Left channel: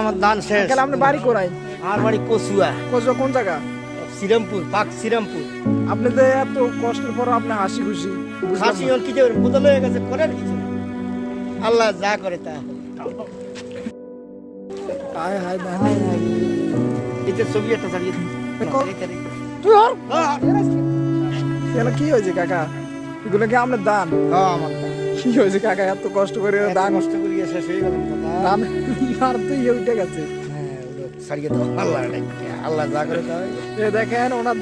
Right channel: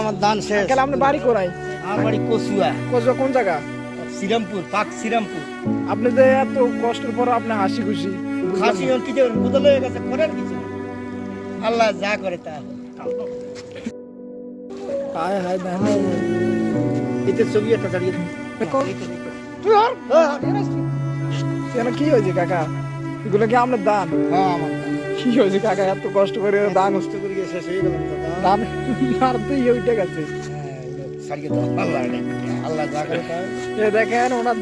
আমার ধান শেষ। আঙ্কেল আপনার বাড়ি কোনায়? আমার বাড়ি কচুয়া। কচুয়া কোন জায়গা? শ্রীরামপুর, পাক শ্রীরামপুর। আপনি যে এত কষ্টের পর আপনি হাসি খুশি, বুঝলাম হাসি না। ওর কি যে বদল হয়ে গেছে, করার কিছু না। আল্লাহ যা করে তা হয়। হায় হায় না এটা ছবি একটা চালিয়ে তুই আর কেন কি হয়েছে কাকা? এগুলো কি আপনার দান? আমার কি হয়েছে কাকা? এত কষ্ট করে দান নষ্ট করে শেষ হয়ে গেলাম তো। দান আর তো উঠে গেছে। হ্যাঁ, সারিয়ে দাও। আল্লাহ যা করে তা হয়। দেখেন ওনার